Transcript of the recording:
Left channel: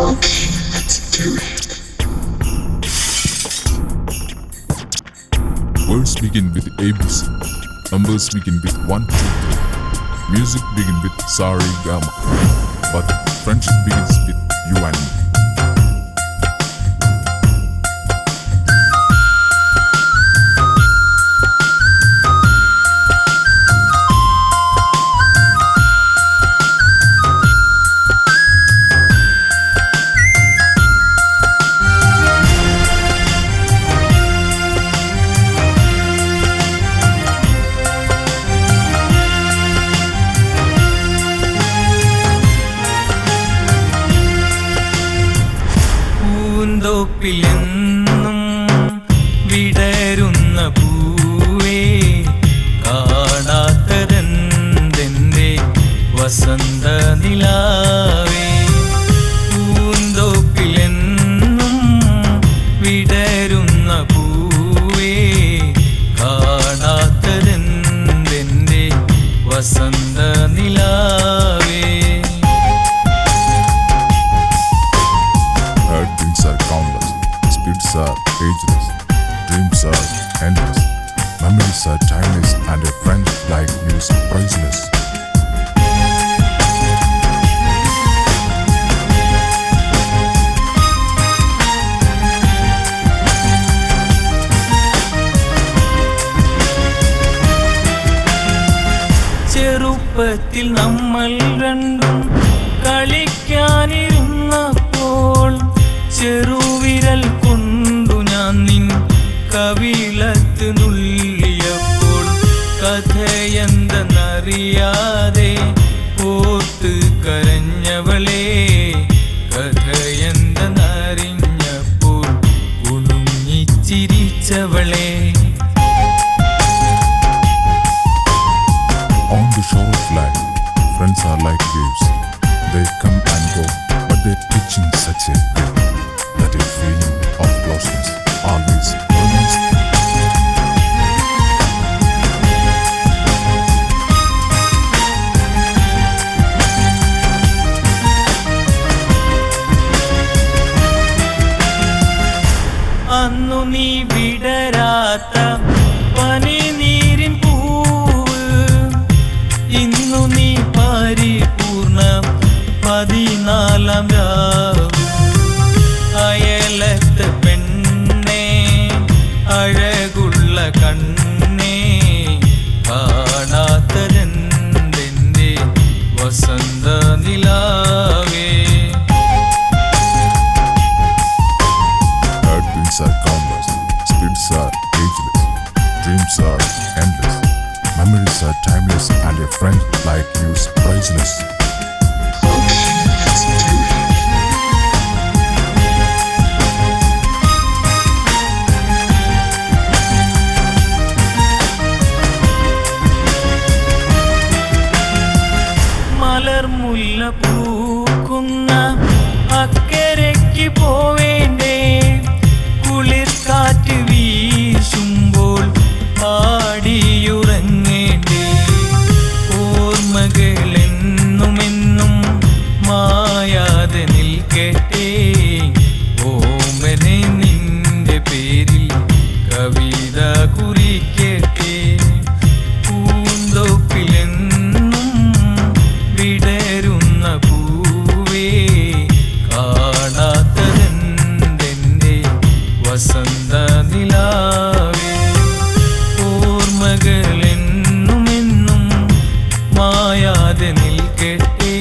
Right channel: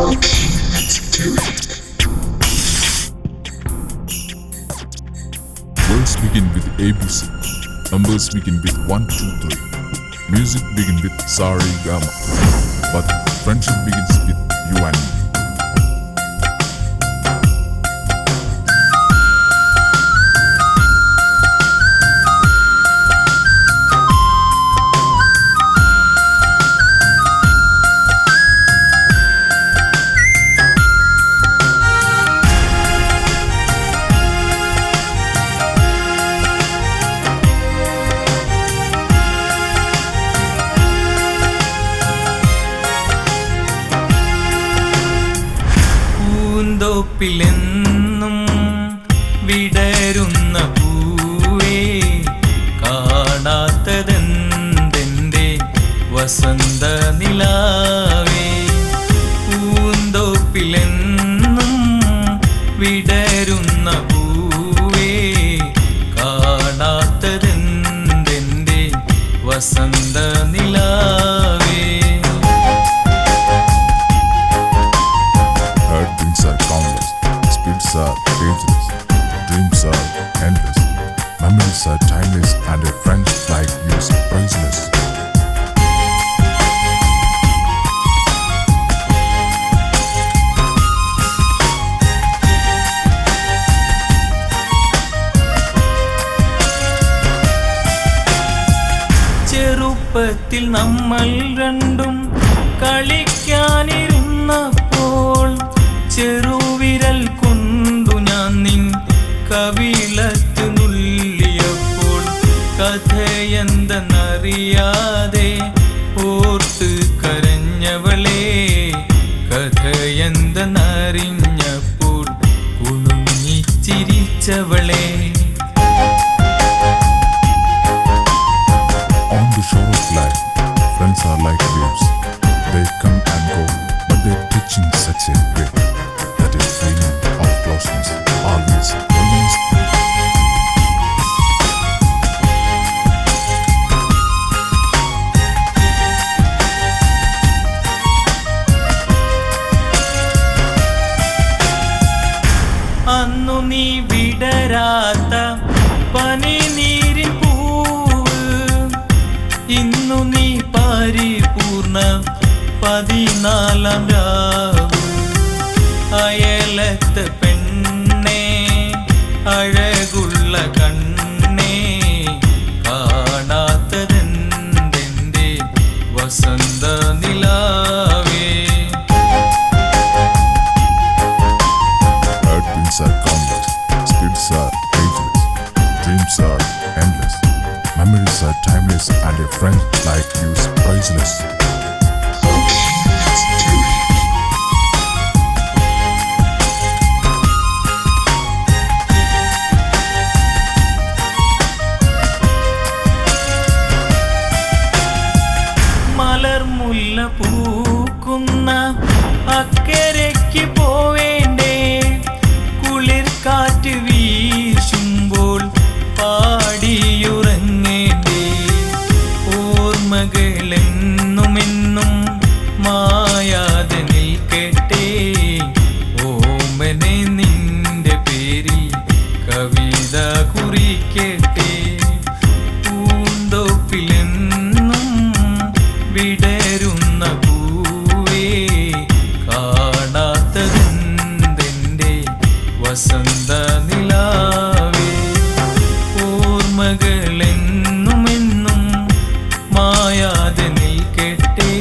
Okay, let's do it. Words begin with ABC. Numbers begin with 1, 2, 3. Music begin with Sari Gama. But friendship begins with you and me. പൂന്തോപ്പിലെന്നും വിടരുന്ന പൂവേ കാണാത്തരെന്തെന്റെ വസന്ത നിലാവേ. പൂന്തോപ്പിലെന്നും വിടരുന്ന പൂവേ കാണാത്തരെന്തെന്റെ വസന്ത നിലാവേ. Heartbeats are countless, speeds are ageless, dreams are endless, memories are timeless, and a friend like you is priceless. ചെറുപ്പത്തിൽ നമ്മൾ രണ്ടും കളിക്കാനിരുന്നപ്പോൾ ചെറുവിരൽ കൊണ്ടു ഞാൻ നിൻ കവിളത്ത് നുള്ളിയപ്പോൾ കഥയെന്തെന്നറിയാതെ ഓർത്ത് കരഞ്ഞവളെ. കഥയെന്തെന്നറിഞ്ഞപ്പോൾ കുണുങ്ങിച്ചിരിച്ചവളെ. On the shore of life, friends are like waves. They come and go, but they touch in such a way that a feeling of closeness always remains. അന്നു നീ വിടരാത്ത പനിനീരിൻ പൂവ്, ഇന്നു നീ പരിപൂർണ 14-ാം രാവ്. അയലത്തെ പെണ്ണേ അഴകുള്ള കണ്ണേ കാണാത്തരെന്തെന്റെ വസന്ത നിലാവേ. Heartbeats are countless, speeds are ageless, dreams are endless, memories are timeless, and a friend like you is priceless. Okay, let's do it. മലർമുല്ല പൂക്കുന്ന അക്കരയ്ക്ക് പോവേണ്ടേ, കുളിർക്കാറ്റ് വീശുമ്പോൾ പാടിയുറങ്ങേണ്ടേ. ഓർമ്മകളെന്നുമെന്നും മായാതെ നിൽക്കട്ടെ, ഓമനെ നിന്റെ പേരിൽ കവിത കുറിക്കട്ടെ. പൂന്തോപ്പിലെന്നും വിടരുന്ന പൂവേ കാണാത്തതെന്തെന്റെ വസന്ത നിലാവേ. ഓർമ്മകളെന്നുമെന്നും മായാതെ നിൽക്കട്ടെ.